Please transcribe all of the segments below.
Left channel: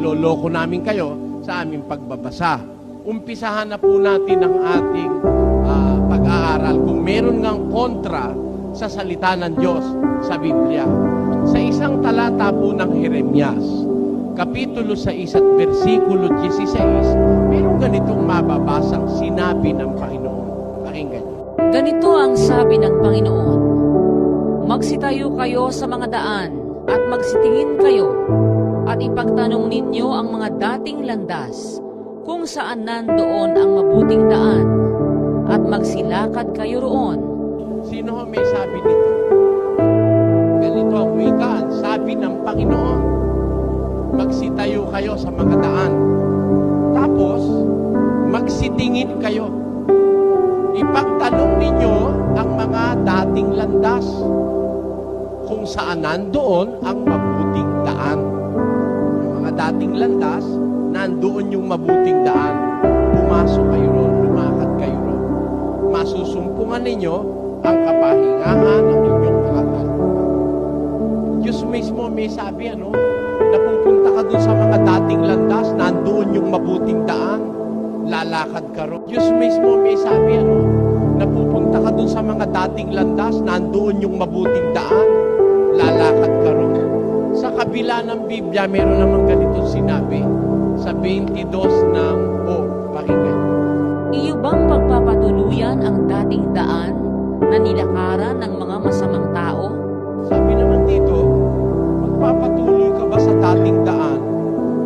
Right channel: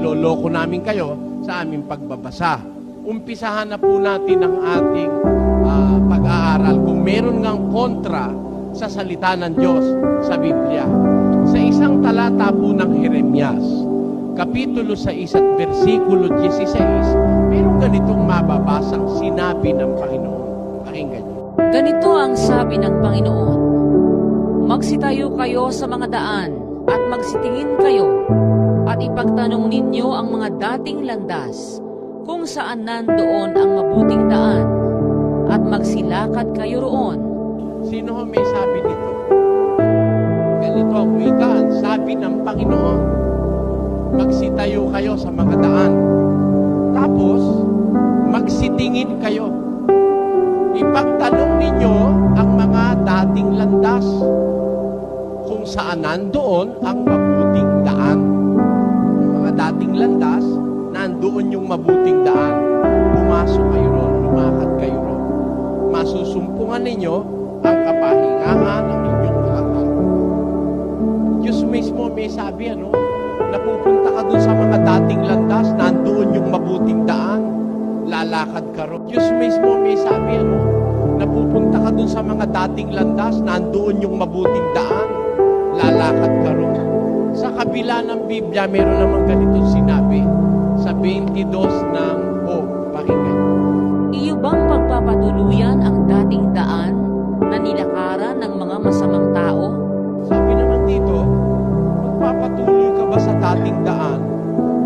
niloloko namin kayo sa aming pagbabasa. Umpisahan na po natin ang ating pag-aaral kung meron ngang kontra sa salita ng Diyos sa Biblia. Sa isang talata po ng Jeremias, Kapitulo 6 at versikulo 16, mayroong ganitong mababasang sinabi ng Panginoon. Pakinggan niyo. Ganito ang sabi ng Panginoon, magsitayo kayo sa mga daan at magsitingin kayo at ipagtanong ninyo ang mga dating landas kung saan nandoon ang mabuting daan at magsilakad kayo roon. Sino may sabi nito? Ganito ang wika, ang sabi ng Panginoon. Magsitayo kayo sa mga daan. Tapos, magsitingin kayo. Ipagtanong ninyo ang mga dating landas kung saan nandoon ang mabuting daan. Yung mga dating landas, nandoon yung mabuting daan. Pumasok kayo ron, lumakad kayo ron. Masusumpungan ninyo ang kapahingahan ng inyong mga kaluluwa. Diyos mismo may sabi, napupunta ka dun sa mga dating landas, nandoon yung mabuting daan, lalakad ka ron. Diyos mismo may sabi, napupunta ka dun sa mga dating landas, nandoon yung mabuting daan, lalakad ka ron. Sa kabila ng Biblia, meron namang ganitong sinabi, sa 22 ng pakinggan. Iyo bang pagpapatuluyan ang dating daan na nilakaran ng mga masamang tao? Sabi naman dito, magpapatuloy ka ba sa dating daan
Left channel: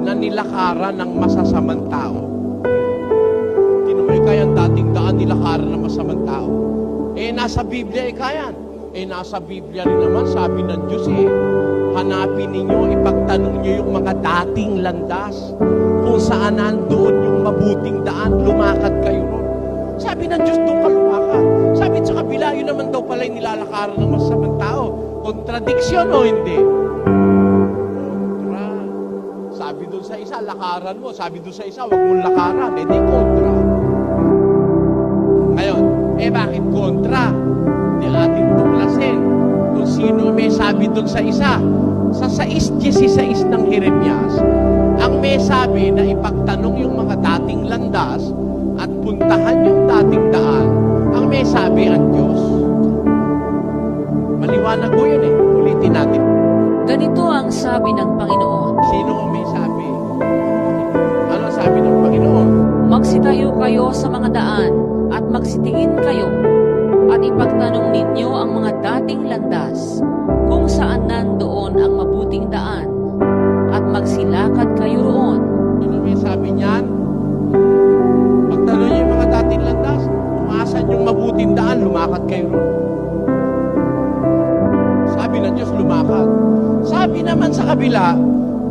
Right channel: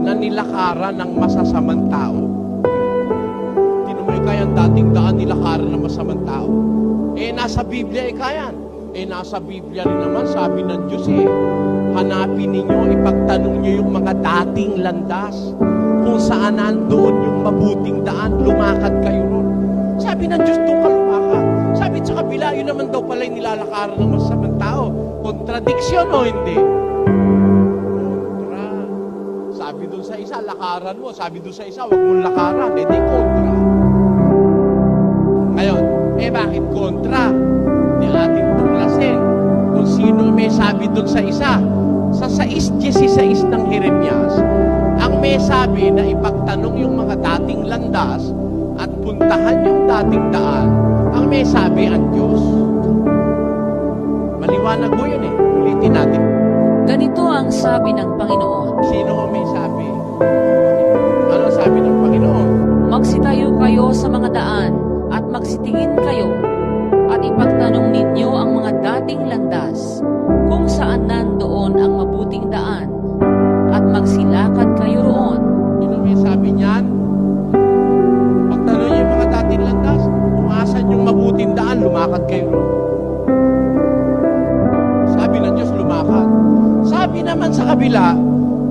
na nilakaran ng masasamang tao? Tinumay kaya ang dating daan nilakaran ng masamang tao? Nasa Biblia kayan. Nasa Biblia rin naman, sabi ng Diyos hanapin ninyo, ipagtanong nyo yung mga dating landas kung saan nandoon yung mabuting daan, lumakad kayo ron. Sabi ng Diyos, doon ka lumakad. Sabi sa kabila, yun naman daw pala yung nilalakaran ng masamang tao. Kontradiksyon o hindi? Kontra. Sabi doon sa isa, lakaran mo. Sabi doon sa isa, wag mong lakaran. Di kontra. Ngayon, bakit kontra? Di atin tuklasin kung sino may sabi doon sa isa. Sa 6:16 ng Jeremias, ang may sabi na ipagtanong yung mga dating landas at puntahan yung dating daan, ang may sabi ang Diyos. Maliwanag mo yun Ulitin natin. Ganito ang sabi ng Panginoon. Sino ang may sabi? Ano sabi ng Panginoon? Magsitayo kayo sa mga daan at magsitingin kayo at ipagtanong ninyo ang mga dating landas kung saan nandoon ang mabuting daan at magsilakad kayo roon. Sino may sabi niyan? Pagtanong niyo yung mga dating landas, kung asan yung mabuting daan, lumakad kayo roon. Sabi ng Diyos, lumakad. Sabi naman sa kabila,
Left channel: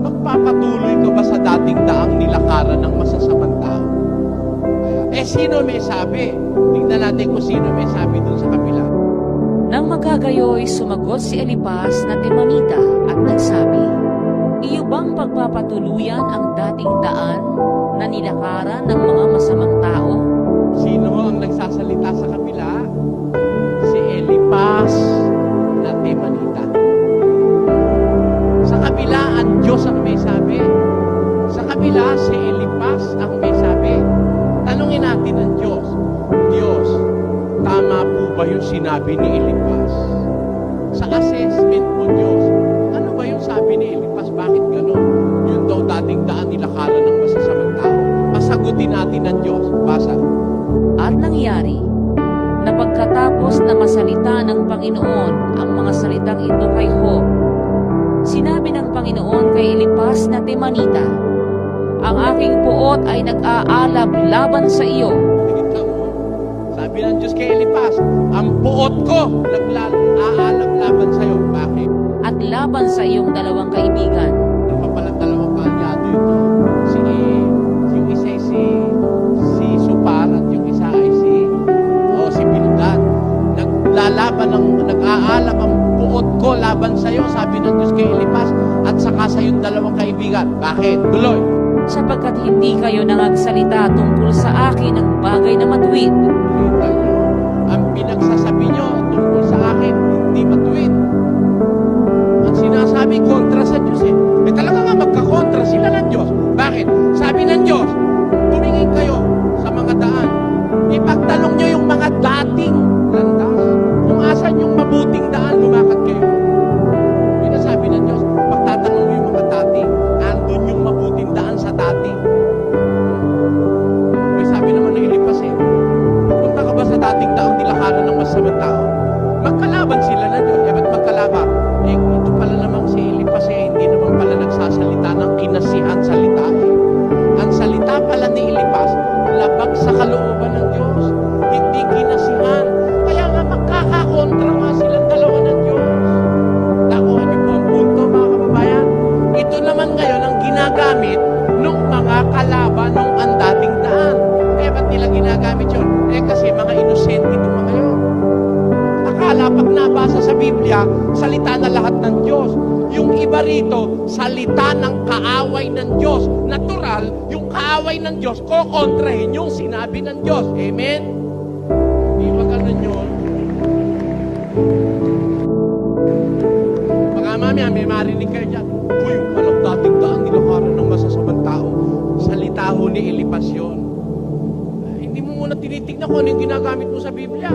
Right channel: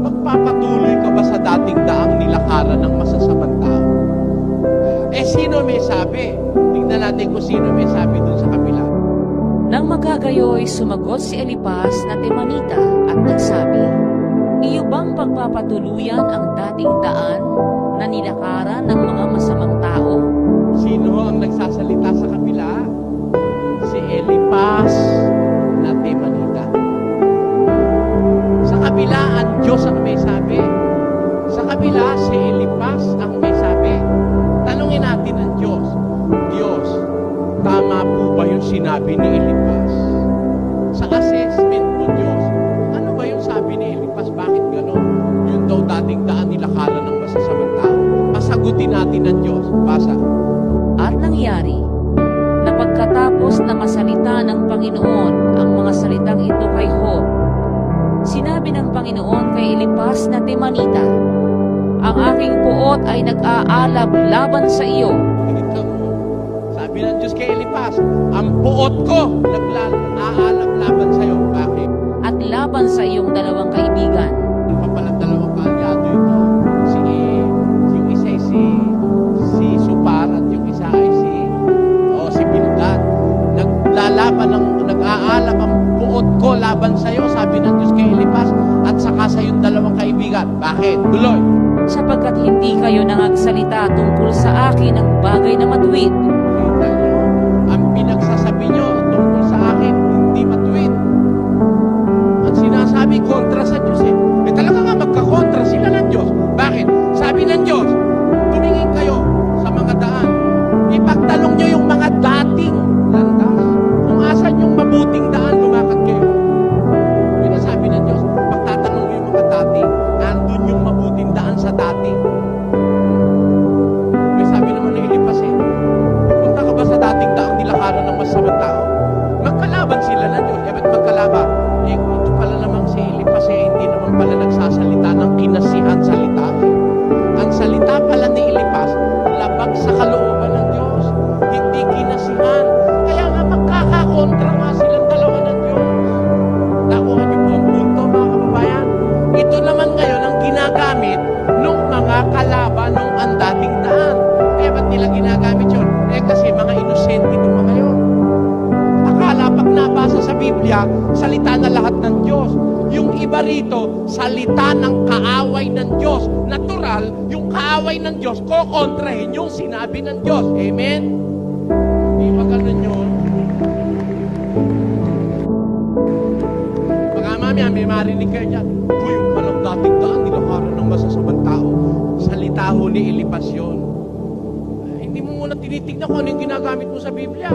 magpapatuloy ka ba sa dating daang nilakaran ng masasamang tao? Sino may sabi? Tingnan natin kung sino may sabi dun sa kabila. Nang magagayoy, sumagot si Elipas na Temanita at nagsabi, iyo bang pagpapatuluyan ang dating daan na nilakaran ng mga masamang tao? Sino ang nagsasalita sa kabila? Si Elipas na Temanita. Sa kabila, ang Diyos ang may sabi. Sa kabila, si Elipas ang may sabi. Tanungin natin ang Diyos. Diyos, tama po ba yung sinabi ni Elipas? Sa assessment mo, Diyos, ano ba yung sabi ni Elipas? Bakit gano'n? Yun daw dating daan nilakaran ng masasamang tao. Pasagutin natin ang Diyos. Basa. At nangyari, na pagkatapos na masalita ng Panginoon ang mga salitang ito kay Job, sinabi ng Panginoon kay Elipas na Temanita, ang aking puot ay nag-aalab laban sa iyo. Sabi ng Diyos kay Elipas, ang puot ko nag-aalab laban sa iyo. Bakit? At laban sa iyong dalawang kaibigan. Ano pa palang dalawang kaalyado ito? Yung isa ay si Supar at yung isa ay si Bildad. Nag-aalab ang puot ko laban sa iyo, sabi ng Diyos kay Elipas, at saka sa iyong dalawang kaibigan. Bakit? Tuloy. Sapagkat hindi kayo nangagsalita tungkol sa akin ng bagay na matuwid. Kita nyo, ang pinagsasabi nyo tungkol sa akin, hindi matuwid. Ang sinasabi kontra sa Diyos talaga nga magkakontra sila ng Diyos. masamang tao. Magkalaban sila ng Diyos. Ba't magkalaban? Ito pala namang si Elipas hindi naman pala nagsasalita ng kinasihan salita. Ang salita pala ni Elipas, labag sa kalooban ng Diyos. Hindi kinasihan. Kaya nga magkakakontra nga silang dalawa ng Diyos. Nakuha niyo po ang punto, mga kababayan? Ito naman ngayon ang ginagamit ng mga kalaban ng ang dating daan. Ba't nila ginagamit yun? Kasi mga inosente itong mga yun. Akala pag nabasa sa Biblia, salita na lahat ng Diyos. Yung iba rito, salita ng kaaway ng Diyos. Natural, yung kaaway ng Diyos, kokontrahin yung sinabi ng Diyos. Amen? Hindi ba ganun yun? Baka mamaya, may marinig kayo dyan. Yung palang dating daan, nilaharan ng masasamang tao. Salita ho ni Elipas yun. Hindi mo muna tinitignan kung ano yung ginagamit mo sa Biblia.